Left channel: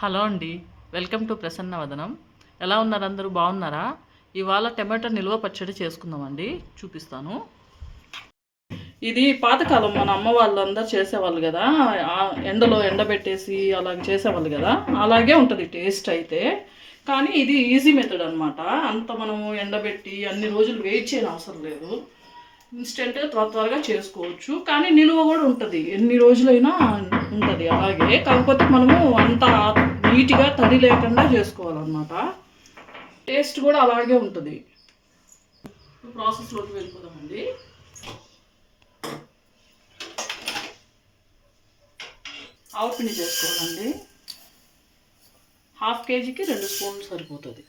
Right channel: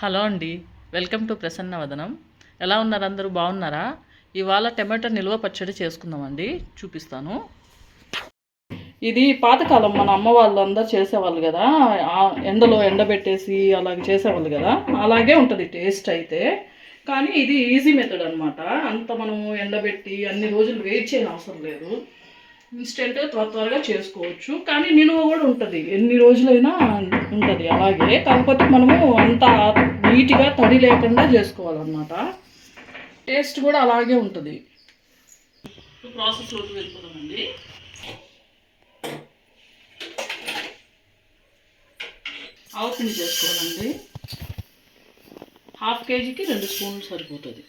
Hello అండి, welcome to ప్రసన్నవదనం. ఎలా ఉన్నారు? అందరూ బాగున్నారా? ఇవాళ టమాటా నిల్వ పచ్చడి చేసుకుందామండి, చూపిస్తాను. ఇది పాతకాలం మన అమ్మ వాళ్ళు అందరు చేసేవాళ్ళు కదా, ఎండలో ఎండబెట్టేసి అలాగే చేసేవాళ్ళు కదా, అలాగే ఉంటుంది టేస్ట్ అయితే. కానీ ఇది ఈజీ మెథడ్ అనమాట. అంత మనము ఎండబెట్టి అన్ని రోజులు వెయిట్ చేయని అవసరం లేదు. ఇన్స్టెంట్గా త్వరగా చేసుకోవచ్చు. కానీ నిలువ కూడా ఉంటుంది, ఎన్ని రోజులైనా ఉంటుంది అలాగే. కాకపోతే మనము అంత నీట్గా తడి లేకుండా చేసుకోవాలన్నమాట. టేస్ట్ కూడా అలాగే ఉంటుంది. ప్రాసెస్లోకి వెళ్ళిపోదామండి. ఆవు పిండి చేసుకోవాలండి. 1/2 కేజీకి 2 స్పూన్లు సరిపోతుంది.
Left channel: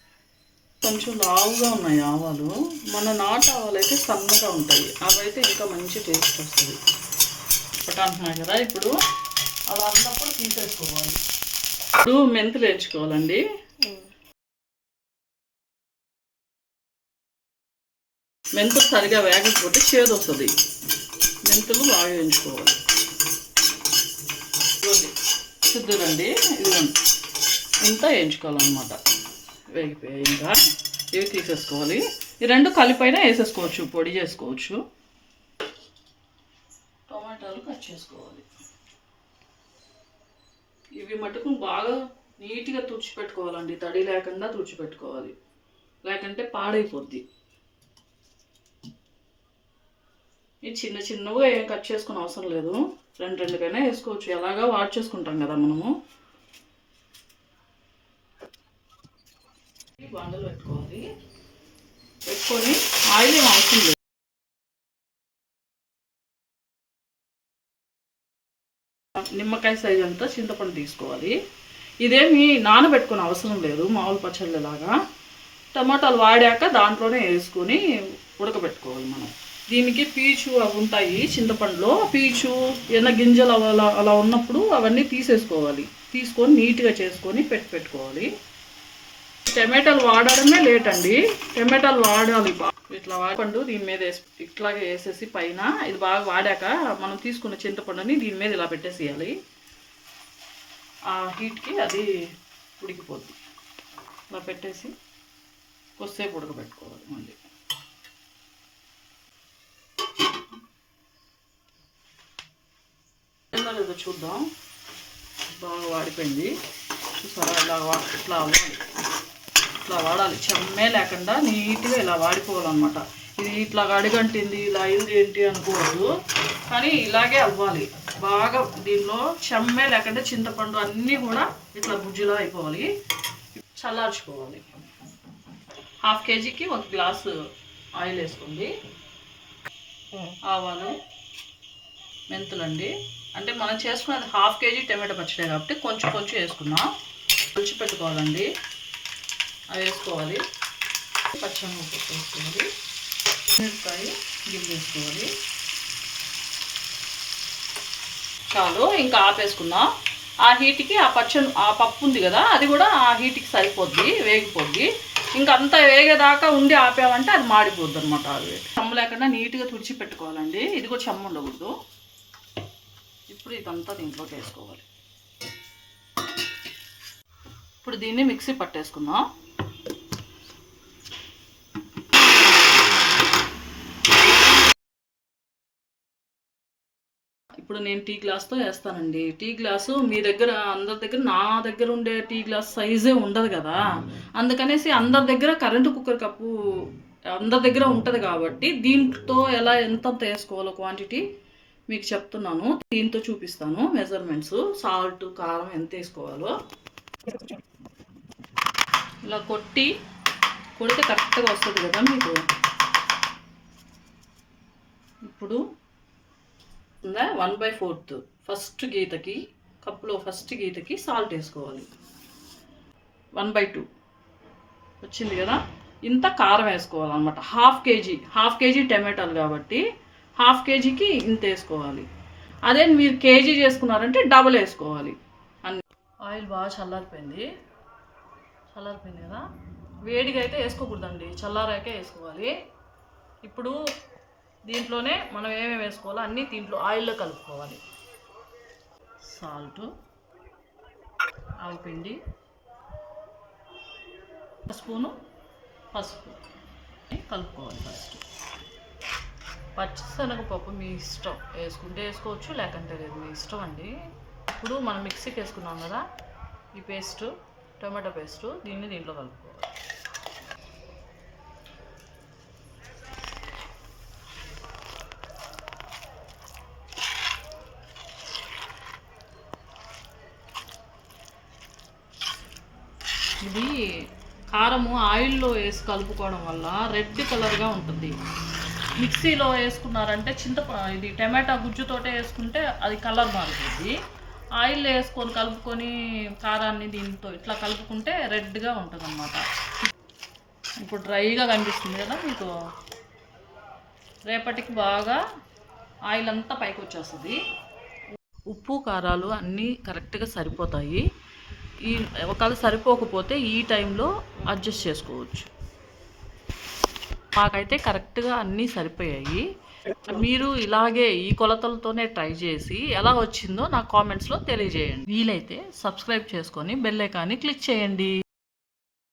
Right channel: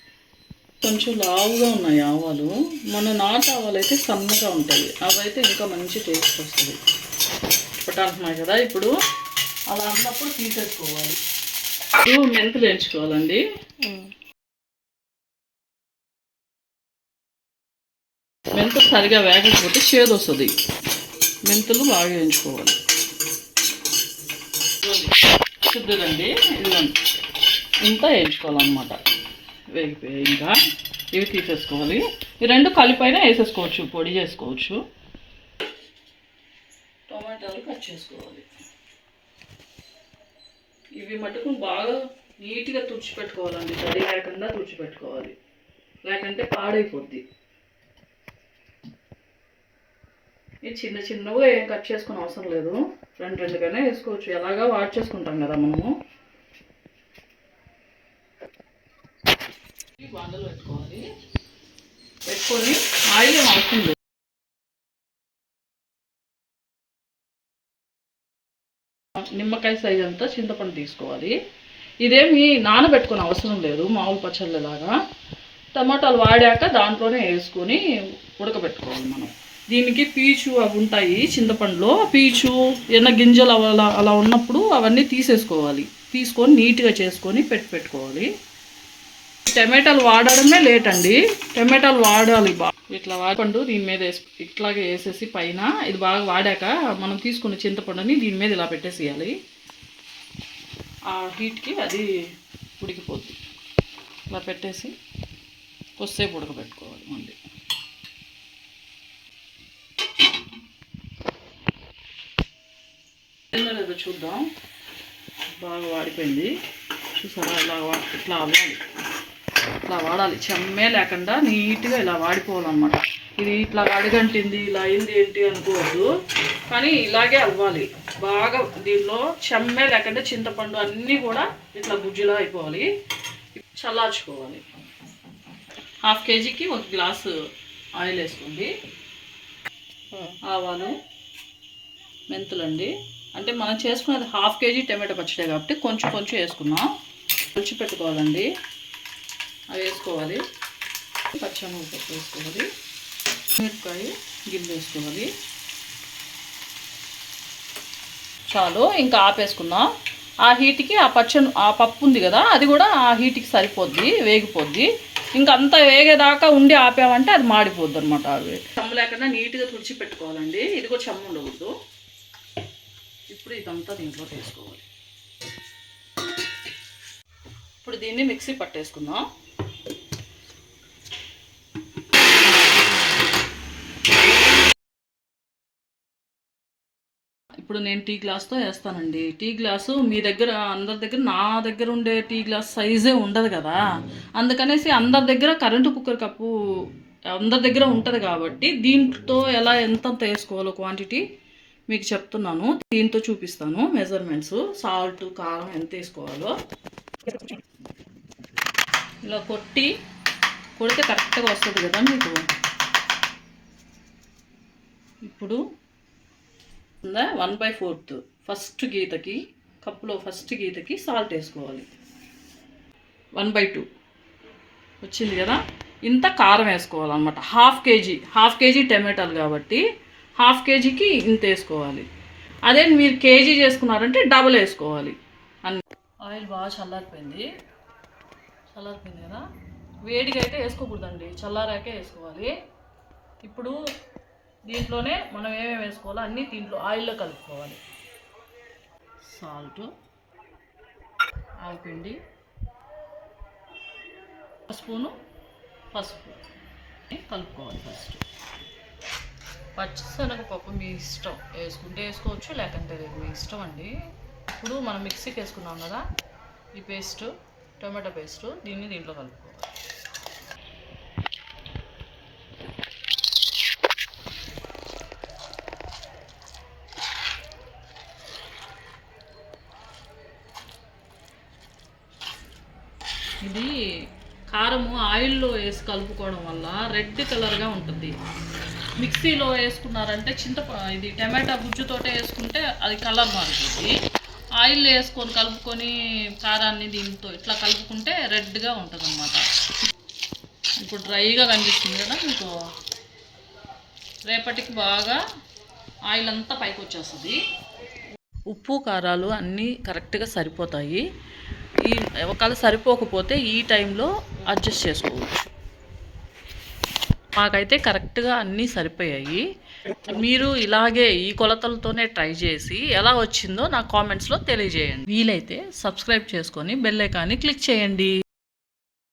కొంచెం లావుగా ఉన్నాయి ఆవాలు. మన నాటు ఆవాలు అయితే సన్నగా ఉంటాయి, అవైతే ఇంకా మంచి టేస్ట్ వస్తుంది. ఒకటి అంటున్నాయి కదా, ఇప్పుడు అలా అన్నప్పుడు తీసేసుకోవాలి. ఇప్పుడు మెంతులు వేయించుకోవాలండి. మెంతులు సరిగా వేగకపోతే చేదు వస్తుంది. మెంతులు బాగా వేయించుకోవాలి. శుద్ధులండి, ఇదిగోండి ఇంత వేయించుకోవాలన్నమాట. వేగిపోయి ఇంకా ఇవి తీసేసుకోవాలి. ఈ రెండు కలిపైనా వేసేసుకోవచ్చు, పొడి చేసుకోవచ్చు. టమాటాలు కట్ చేసుకోవాలి. ఇవి మటుకు బాగా నీట్గా తుడిచిపెట్టుకోవాలండి, తడి లేకుండా తుడిచిపెట్టుకోవాలి, లేకంటే పాడైపోద్ది. ఇది చిన్న చిన్నగా ఏం కట్ చేసుకునే అవసరం లేదు, రెండుగానే వేసుకోవచ్చు. ఎలాగా వాష్ చేసుకుంటాం కదా మనము. బండలు పెట్టుకోవాలి. పెట్టుకొని ఆయిల్ ఏం అవసరం లేదు. నిమ్మకాయ సైజ్ అంతా చింతపండు తీసుకోవాలి. ఇదేమి నానబెట్టుకునే అవసరం లేదు, మామూలు పచ్చళ్ళలాగా. టమాటాలు వాడాక దాంట్లోనే వేసుకొని ఉడకబెట్టుకోవాలి మనం. దీనికి పీచు అవి ఉంటాయి చింతపండులో, పీచు ఏమైనా గింజలు అలా ఉన్నప్పుడు అవన్నీ తీసేసుకోవాలి. తీసుకొని నీట్గా చేసుకొని పెట్టుకోవాలి. టమాటాలు వాడడమే లేట్ అండి, టమాటాలు వాడాలి బాగా. ఇట్లా వాడపండు దీని మీద ఇట్లాగే వేసేసి పైన ఇది బాగా వాడాక మనం తీసుకున్న చింతపండుని దీని మీద ఇలా పెట్టేసేయాలి. ఆ హీట్కి అది ఉడికిపోద్ది. ఇలా పెట్టేసి కొద్దిసేపు ఉడకబెట్టుకోవాలి. మళ్ళీ లేదో చూద్దాం. బాగా వాడిపోయింది చూసారా, ఇట్లా అవ్వాలి. ఇట్లా వాడాలి, చెమ్మే లేకుండా నీట్గా ఇలా వాడిపోవాలన్నమాట. ఇది ఇట్లా అడుగంటింది ఇలా అయింది ఏంటి అనుకోవద్దు, కానీ ఇలాగే అవ్వాలి బాగా. దీనిలో చెమ్మే లేకుండా చింతపండు అన్నీ కూడా ఇట్లా గుజ్జులా అయిపోవాలి. చల్లార్చుకోవాలి. 1/2 కేజీకి 1 గ్లాసు ఆయిల్ వేసుకోండి. ఆవాలు, మెంతులండి. అంటే మనం చేసుకున్నది 1/2 కేజీ టమాటో పచ్చడి కాబట్టి కొంచెం కొంచెం వేసుకున్నాం. పులుసు పెట్టుకోవాలండి, అవి వేసుకోవాలి. పచ్చిమిరపకాయ వేసుకోవాలి. మిరపకాయ గిన్నె వేసుకోవాలి. చాలు, ఇంకా ఆపేసుకుందాం. ఆ హీట్కి ఆ పప్పు ఉంది కదా, అది కూడా ఆ హీట్కి సరిపోద్ది, వేగిపోద్ది. ఇంకా అంతా వేగేదాకా ఉండి ఆపామంటే అది మాడిపోద్ది అనమాట. అవి చెమ్మ లేకుండా నీట్గా తుడిచి పెట్టుకోవాలండి. ఇది కూడా చెమ్మ ఉండకూడదు. ఇప్పుడు ఇదంతా దీంట్లో వేసుకోవాలి. ఇప్పుడు దీన్ని మిక్సీ పట్టేసుకుందాం. ఇప్పుడు నేను టీ గ్లాస్తో వేస్తానండి. టీ గ్లాసు మీ దగ్గర అందరి దగ్గర, నా దగ్గర ఉండే టీ గ్లాస్ సైజే ఉండదు కదా, అందుకనేసి అందరి దగ్గర కరెంటు కుక్కర్ కప్పు అందరి దగ్గర ఉంటుంది కాబట్టి దీంతో ఎలా ఎంత వేసుకోవాలో క్వాంటిటీ మీకు చెప్తున్నాను. దీంతో చూపిస్తాను మెజర్మెంట్స్. సాల్ట్, కారం ఎంత వేసుకోవాలో ఇలా కొడితే కరెక్ట్గా వస్తుంది కదా మీకు. ఇప్పుడు 1/4 ఫస్ట్ గీతకి, కప్పులో ఫస్ట్ గీతకి సాల్ట్ వేసుకోవాలి. 1/2 వచ్చింది కదా. ఇంత కారం వేసుకోవాలన్నమాట. 1/2 కేజీ టమాటాలు కాబట్టి 1/2 కేజీకి ఇంత వేసుకోవాలి. అదే మీరు కేజీ చేసుకున్నారంటే డబల్ వేసుకోవాలి. ఆయిల్ బాగా చల్లారిపోయింది కదా. వేడిగా అయితే వేసుకోకూడదండి, చల్లారాకే వేసుకోవాలి. ఇప్పుడు దీంట్లోనే మనం ఏమేమి వేసుకోవాలో అన్నీ దీంట్లో ఆయిల్లో కలుపుకోవాలి. సాల్ట్, ఆవపిండి, స్పూను పసుపు కలుపుకోవాలి. ఫస్ట్ పచ్చిశనగపప్పు మీ ఇష్టం, వేసుకుంటే వేసుకోవచ్చు, లేకంటే లేదు, మీ ఇష్టం అండి. ఇప్పుడు మనం మిక్సీకి వేసుకున్నాం కదా ఈ పేస్టు, టొమాటో పేస్టు, దీంట్లో కలుపుకోవాలి. ఇది కారము ఆయిల్లో వేసి కలుపుకోవడం వల్ల రెడ్ కలర్గా ఉంటుంది. మిక్సీలో వేసుకున్నారంటే ఇది టమాటా గుజ్జుతోటే వేసుకుంటే అది కలర్ మారుతుంది. ఆయిల్లో వేసుకొని కలుపుకొని కారాన్ని దీంతో ఇట్లా కలుపుకుంటే రెడ్గా ఉంటుంది అన్నమాట. ఇప్పుడు డ్రైగా కనిపిస్తుంది కదా మీకు, రేపటికి బాగా ఆయిల్ అంతా పైకి వచ్చేస్తుంది. ఉప్పు కారాలు అన్నీ కరెక్ట్గా సరిపోతాయి. ఒకవేళ సరిపోకపోతే ఈ టైంలో అడ్జస్ట్ చేసుకోవచ్చు. మాకైతే కరెక్ట్గా అన్నీ సరిపోయాయి. మీరు ఇలాగే ఈ కొలతలతోనే ట్రై చేసి ఎలా వచ్చిందో నాకు కామెంట్స్లో తెలియజేయండి. వీలైతే సబ్స్క్రైబ్ చేసుకొని బెల్ ఐకాన్ని క్లిక్ చేయండి.